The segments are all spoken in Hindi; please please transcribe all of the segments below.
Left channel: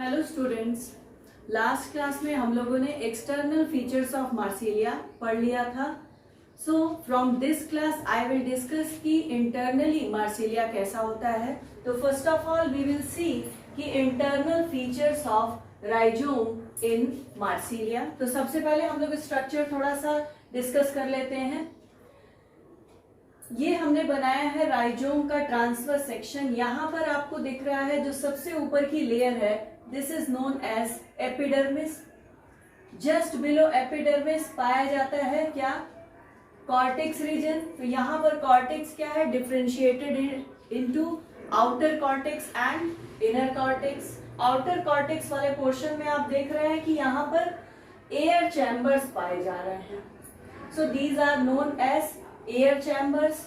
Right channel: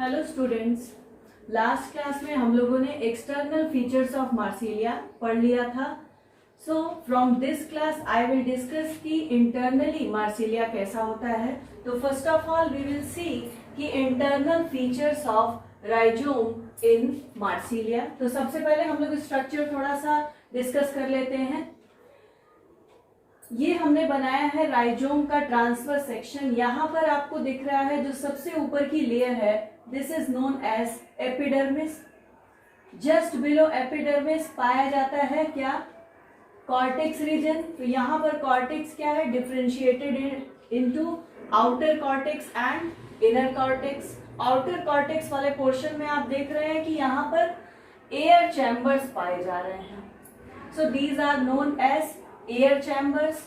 हेलो स्टूडेंट्स, लास्ट क्लास में हम लोगों ने एक्सटर्नल फीचर्स ऑफ मार्सिलिया पढ़ लिया था। So from this class I will discuss कि इंटरनली मार्सिलिया कैसा होता है। तो first of all we will see कि internal features of rhizome in Marsilea. तो सबसे पहले हम लोग स्ट्रक्चर थोड़ा सा डिस्कस कर लेते हैं। ये हमने बनाया है राइजोम का ट्रांसफर सेक्शन। यहाँ पर आपको दिख रहा है जो सबसे ऊपर की लेयर है, this is known as epidermis. Just below epidermis पाया जाता है क्या? Cortex region. तो यहाँ पर कॉर्टेक्स क्या है? Differentiated into outer cortex and inner cortex. Outer cortex वाले पोर्शन में आप देख रहे हैं कि यहाँ पर एयर चैम्बर्स पाए जा रहे हैं। So these are known as air chambers.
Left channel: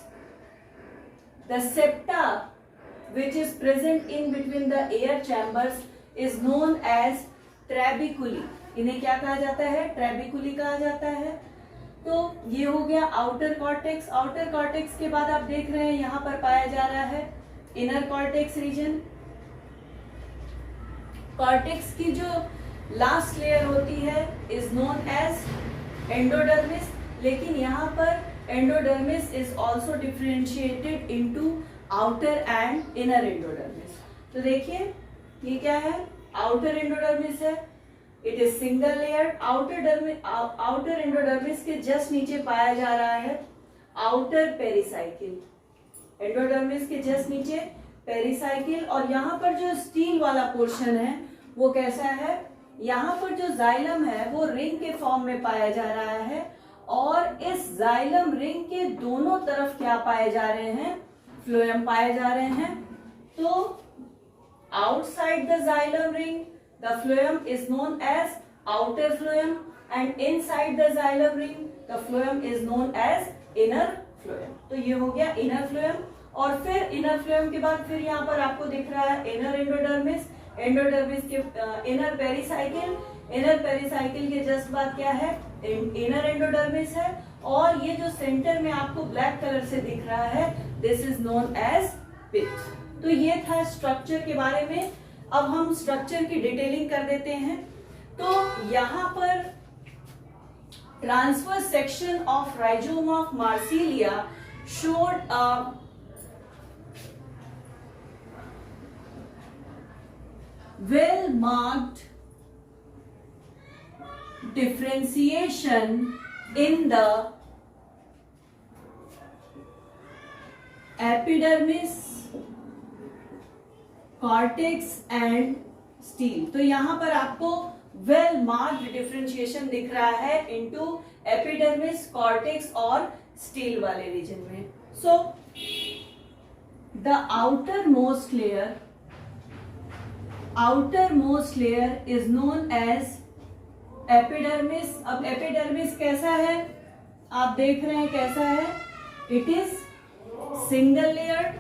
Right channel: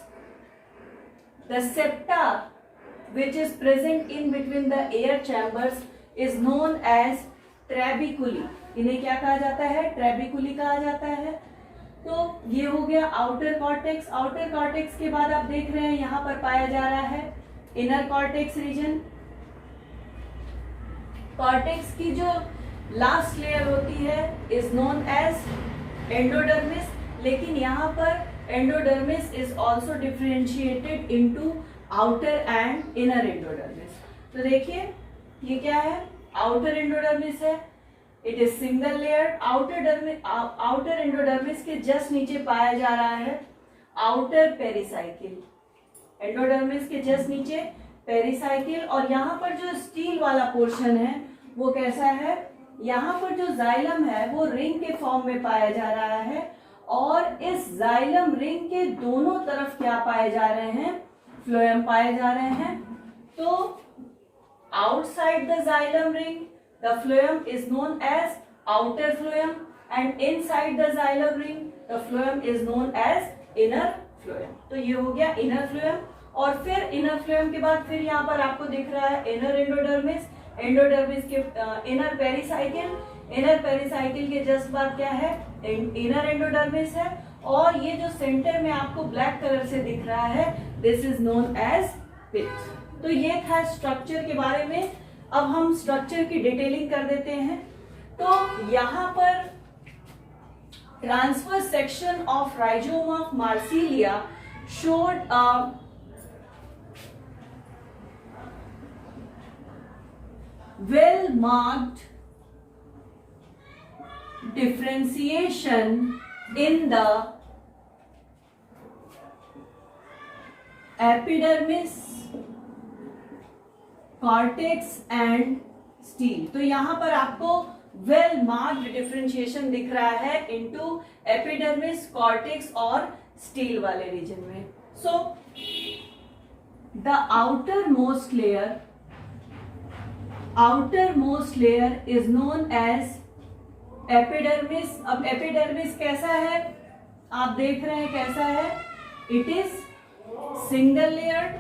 The septa which is present in between the air chambers is known as trabeculae. इन्हें क्या कहा जाता है? ट्रेबिकुली कहा जाता है। तो ये हो गया आउटर कॉर्टेक्स। आउटर कॉर्टेक्स के बाद आप देख रहे हैं यहाँ पर पाया जा रहा है इनर कॉर्टेक्स रीजन। कॉर्टेक्स की जो लास्ट लेयर होती है इज नोन एज एंडोडर्मिस, लेकिन यहाँ पर endodermis is also differentiated into outer and inner endodermis. तो देखिए ये क्या है? outer endodermis है। it is single layer। outer endodermis के जस्ट नीचे पाया जा रहा है outer pericycle। endodermis के जस्ट नीचे pericycle। और यहाँ पर जो स्टील वाला पोर्शन है वो कैसा है? यहाँ पर जो जाइलम है वो रिंग के फॉर्म में पाया जा रहा है और इस जाइलम रिंग के दोनों तरफ क्या पाए जा रहे हैं? फ्लोएम पाए जा रहे हैं। तो outside the xylem ring the phloem is known as outer phloem and inside the xylem ring the phloem is known as inner phloem. तो ये हो गया इनर फ्लोएम। और फिर इनर फ्लोएम के बाद फिर यहाँ पर आपको दिख रहा है इनर एंडोडर्मिस। एंडोडर्मिस के इनर पेरिसाइकिल। इनर पेरिसाइकिल के जस्ट बाद क्या है? इनर एंडोडर्मिस है। और ये जो सेंटर में आपको ब्लैक कलर से दिख रहा है दिस इज नोन एज पिथ। तो ये था स्ट्रक्चर के बारे में। अब हम स्ट्रक्चर की डिटेलिंग कर देते हैं। तो यहाँ पर transfer section of rhizome of Marsilea showed a well marked differentiation in the epidermis, cortex and stele। तो यहां पर आपको वेल मार्क्ड डिफरेंशिएशन दिख रहा है इनटू एपिडर्मिस, कॉर्टेक्स और स्टील वाले रीजन में। So the outermost layer is known as epidermis। अब epidermis कैसा है? आप देख रहे हैं कैसा है? It is single layered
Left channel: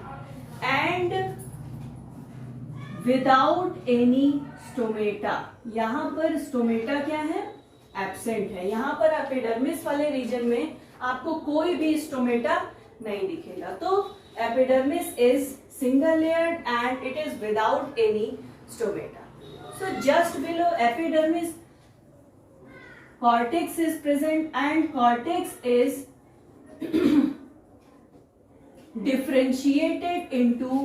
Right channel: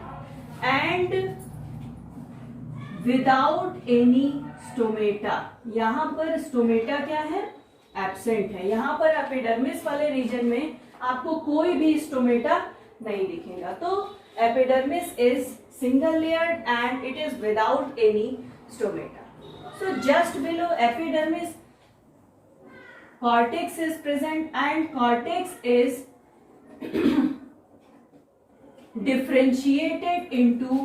and without any stomata। यहाँ पर स्टोमेटा क्या है? एब्सेंट है। यहाँ पर एपिडर्मिस वाले रीजन में आपको कोई भी स्टोमेटा नहीं दिखेगा। तो epidermis is single layered and it is without any stomata. So just below epidermis cortex is present and cortex is differentiated into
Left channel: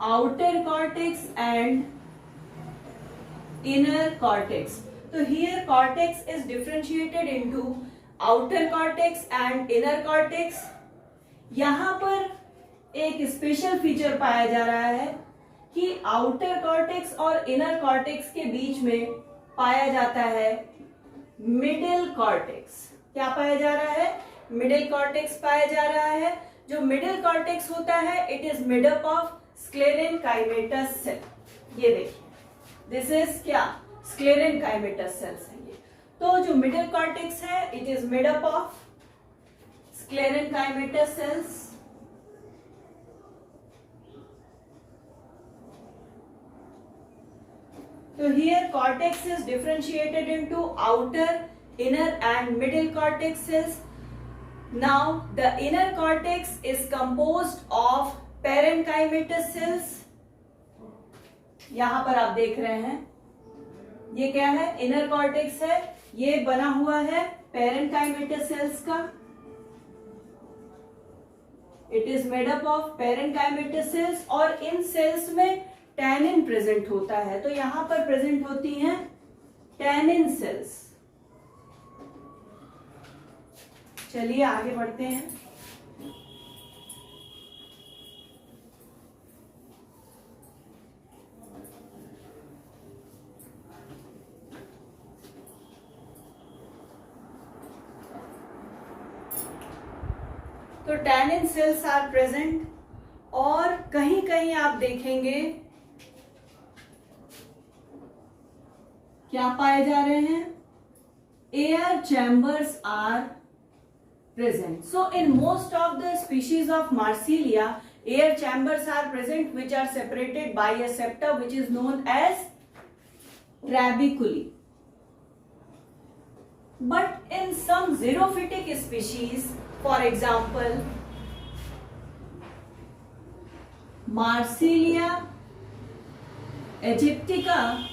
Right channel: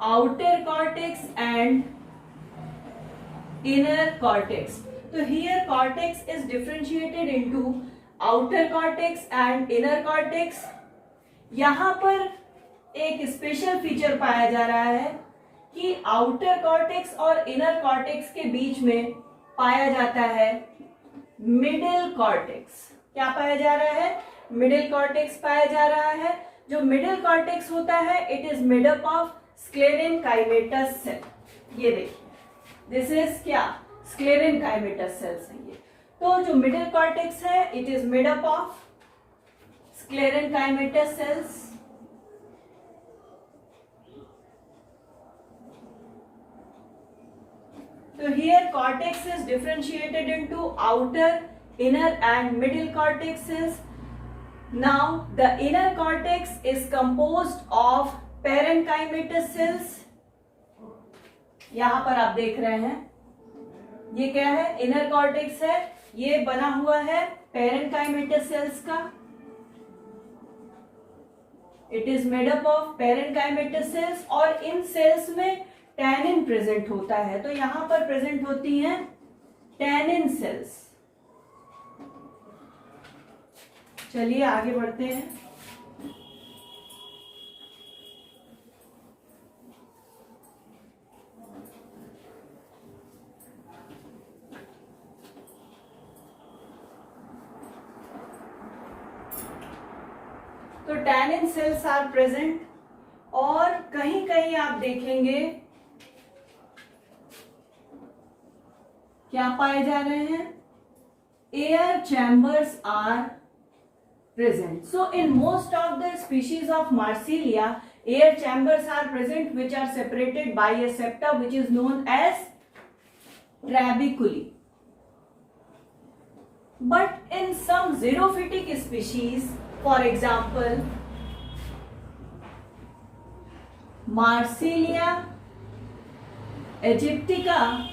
outer cortex and inner cortex. So here cortex is differentiated into outer cortex and inner cortex। यहाँ पर एक स्पेशल फीचर पाया जा रहा है कि आउटर कॉर्टेक्स और इनर कॉर्टेक्स के बीच में पाया जाता है मिडिल कॉर्टेक्स। क्या पाया जा रहा है? मिडिल कॉर्टेक्स पाया जा रहा है। जो मिडिल कॉर्टेक्स होता है it is made up of sclerenchymatous cell. ये देखिए दिस इज क्या? स्क्लेरेनकाइमेटस सेल्स हैं ये। तो जो मिडिल कॉर्टेक्स है it is made up of sclerenchymatous cells. So here cortex is differentiated into outer, inner and middle cortex cells. Now the inner cortex is composed of parenchymatous cells यहां पर आप देख रहे हैं ये क्या है, इनर कॉर्टेक्स है, ये बना हुआ है पेरेन्काइमेटस सेल्स का, it is made up of parenchymatous cells, और इन सेल्स में टैनिन प्रेजेंट होता है। तो यहां पर प्रेजेंट होती हैं टैनिन सेल्स। चलिए आगे बढ़ते हैं। तो टैनिन सेल्स आर प्रेजेंट, और कहीं कहीं आप देखेंगे क्या पाए जा रहे हैं, air chambers are present. So in most of the species of Marsilea air chambers are present which are separated by a septa which is known as trabeculae. But in some xerophytic species, for example, Marsilia aegyptica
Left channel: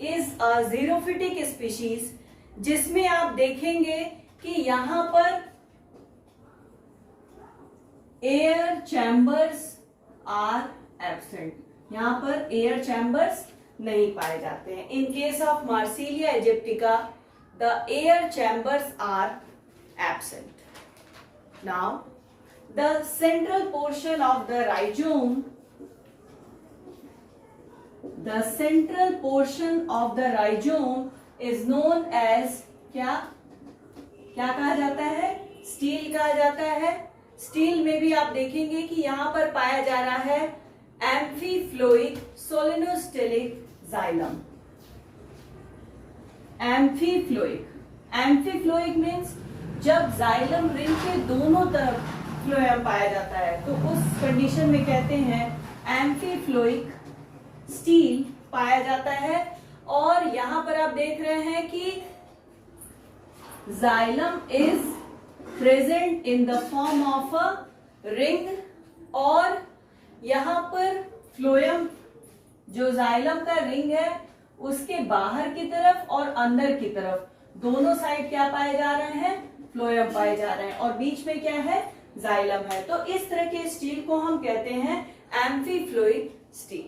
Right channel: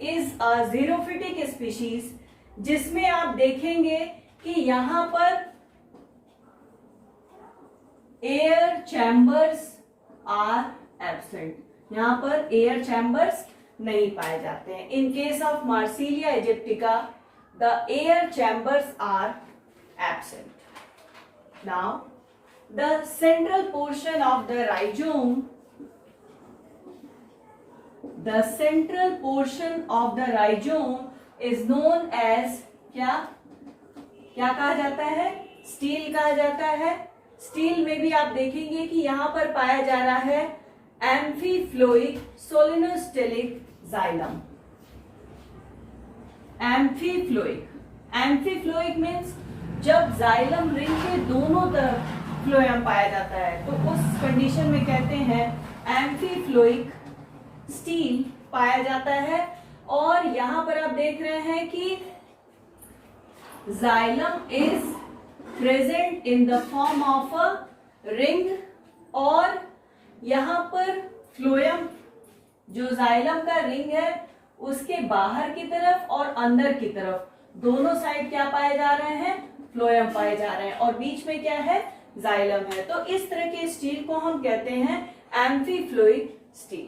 is a xerophytic species जिसमें आप देखेंगे कि यहां पर एयर चैम्बर्स आर एब्सेंट, यहां पर एयर चैम्बर्स नहीं पाए जाते हैं। In case of Marsilea aegyptiaca the air chambers are absent. Now the central portion of the rhizome, the central portion of the rhizome is known as क्या कहा जाता है, स्टील कहा जाता है। स्टील में भी आप देखेंगे कि यहां पर पाया जा रहा है एम्फीफ्लोइक सोलिनोस्टेलिक जाइलम। एम्फीफ्लोइक मीन्स जब जाइलम रिंग के दोनों तरफ फ्लोएम पाया जाता है तो उस कंडीशन में कहते हैं एम्फीफ्लोइक स्टील पाया जाता है। और यहां पर आप देख रहे हैं कि xylem is present in the form of a ring, और यहां पर फ्लोएम जो जाइलम का रिंग है उसके बाहर की तरफ और अंदर की तरफ दोनों साइड क्या पाए जा रहे हैं, फ्लोएम पाए जा रहे हैं, और बीच में क्या है, जाइलम है। तो इस तरह के स्टील को हम कहते हैं एम्फीफ्लोइक स्टील।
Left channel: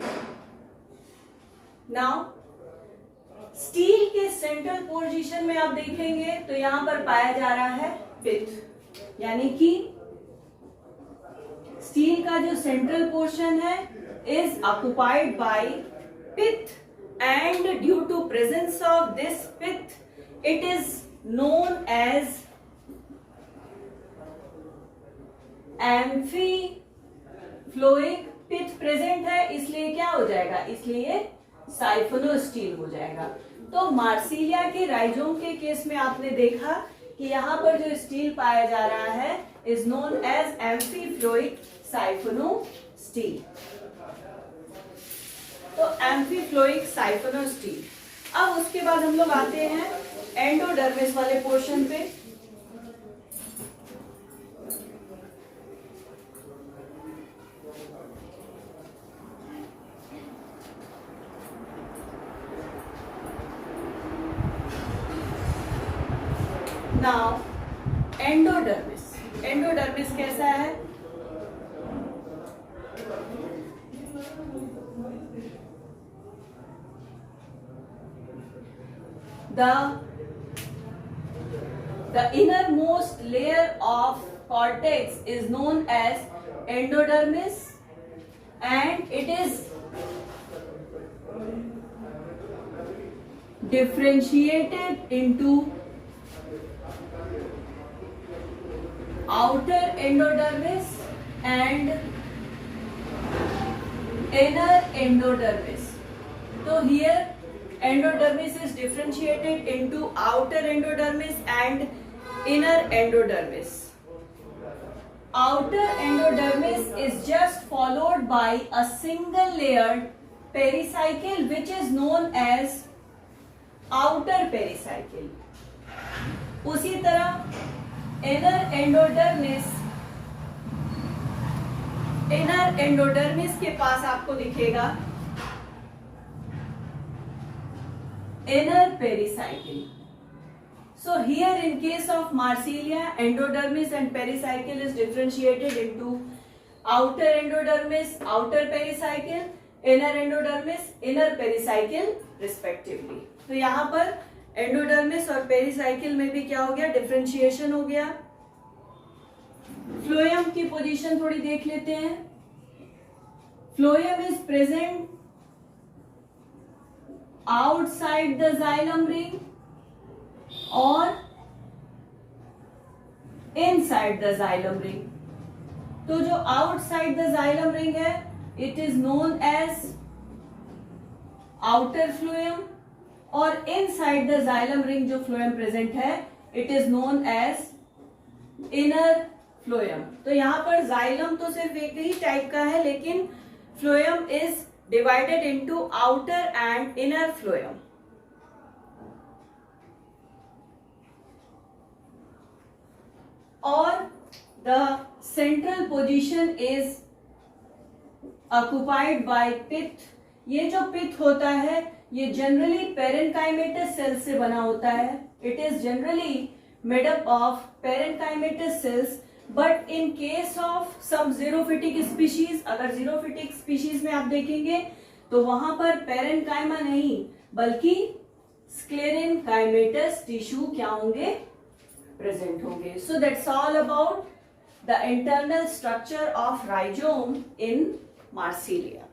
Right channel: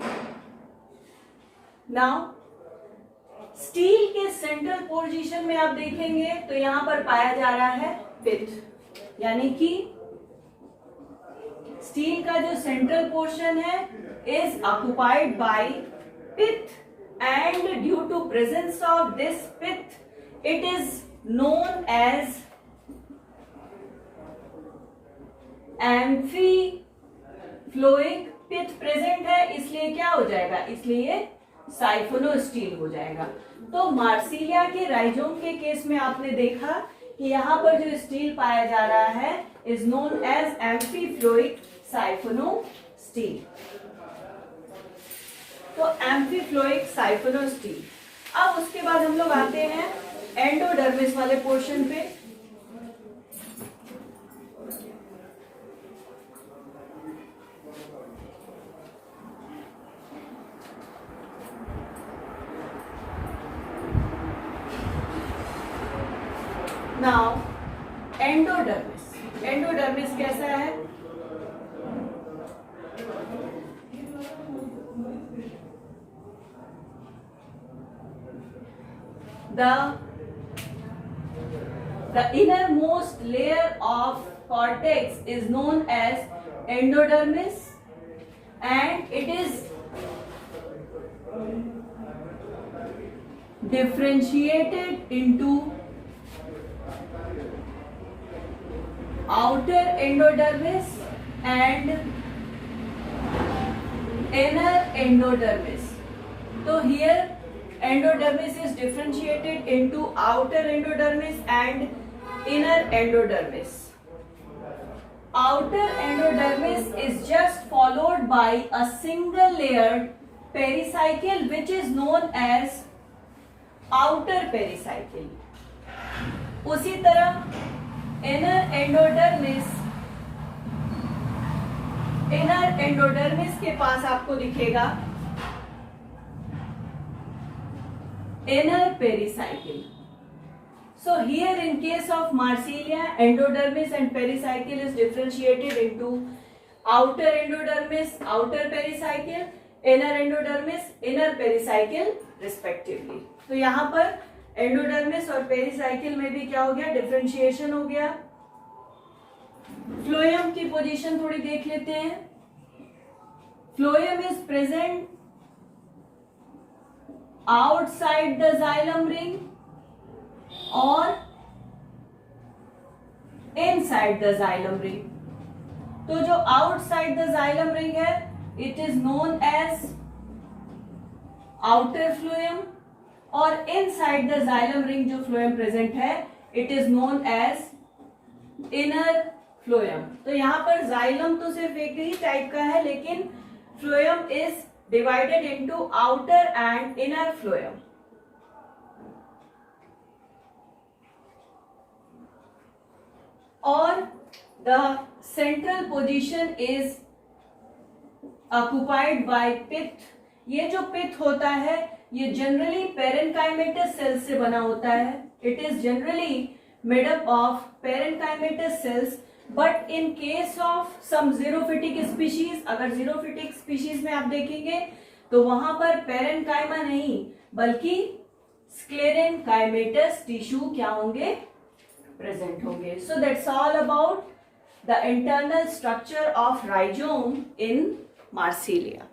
नाउ स्टील के सेंट्रल पोजीशन में आप देखेंगे तो यहां पर पाया जा रहा है पिथ, यानी कि स्टील का जो सेंट्रल पोर्शन है is occupied by pith, and due to presence of this pith it is known as amphiphloic. Pith present है इसलिए क्या हो जाएगा, इसलिए साइफोनोस्टील हो जाएगा। तो मार्सिलिया के राइजोम के केस में आपने देखा कि यहां पर जो स्टील पाया जा रहा है इज नोन एज एम्फीफ्लोइक साइफोनोस्टील। तो एम्फीफ्लोइक साइफोनोस्टील। अब उसके बाद हम लोग आते हैं एंडोडर्मिस वाले पोर्शन पे। नाउ एंडोडर्मिस कैसा है, the innermost layer of cortex is known as endodermis, and it is differentiated into outer endodermis and inner endodermis. So here endodermis is differentiated into outer endodermis and inner endodermis. Outer endodermis is just followed by a single layered pericycle which is known as outer pericycle. उसी तरह inner endodermis इनर एंडोडर्मिस के पास आपको दिखेगा inner pericycle. So here in case of Marsilia, endodermis and pericycle is differentiated into outer endodermis, outer pericycle, inner endodermis, inner pericycle respectively. तो यहाँ पर एंडोडर्मिस और पेरिसाइकिल में भी क्या हो गया, डिफरेंशिएशन हो गया. फ्लोएम की पोजीशन थोड़ी देख लेते हैं. Phloem is present outside the xylem ring और इनसाइड द जाइलम रिंग. तो जो आउटसाइड द जाइलम रिंग है, it is known as outer phloem, और इनसाइड द जाइलम रिंग जो फ्लोएम प्रेजेंट है, it is known as inner phloem. तो यहां पर जाइलम तो सिर्फ एक ही टाइप का है, लेकिन phloem is divided into outer and inner phloem. और the central position is occupied by pith. ये जो पिथ होता है, ये जनरली पेरेन्काइमेटस सेल्स से बना होता है. It is generally made up of parenchymatous cells, but in case of some xerophytic species, अगर जीरोफिटिक स्पीशीज में आप देखेंगे तो वहां पर पेरेन्काइमा नहीं बल्कि स्क्लेरेन्काइमेटस टिश्यू क्या होंगे, प्रेजेंट होंगे. So that's all about the internal structure of rhizome in Marsilea.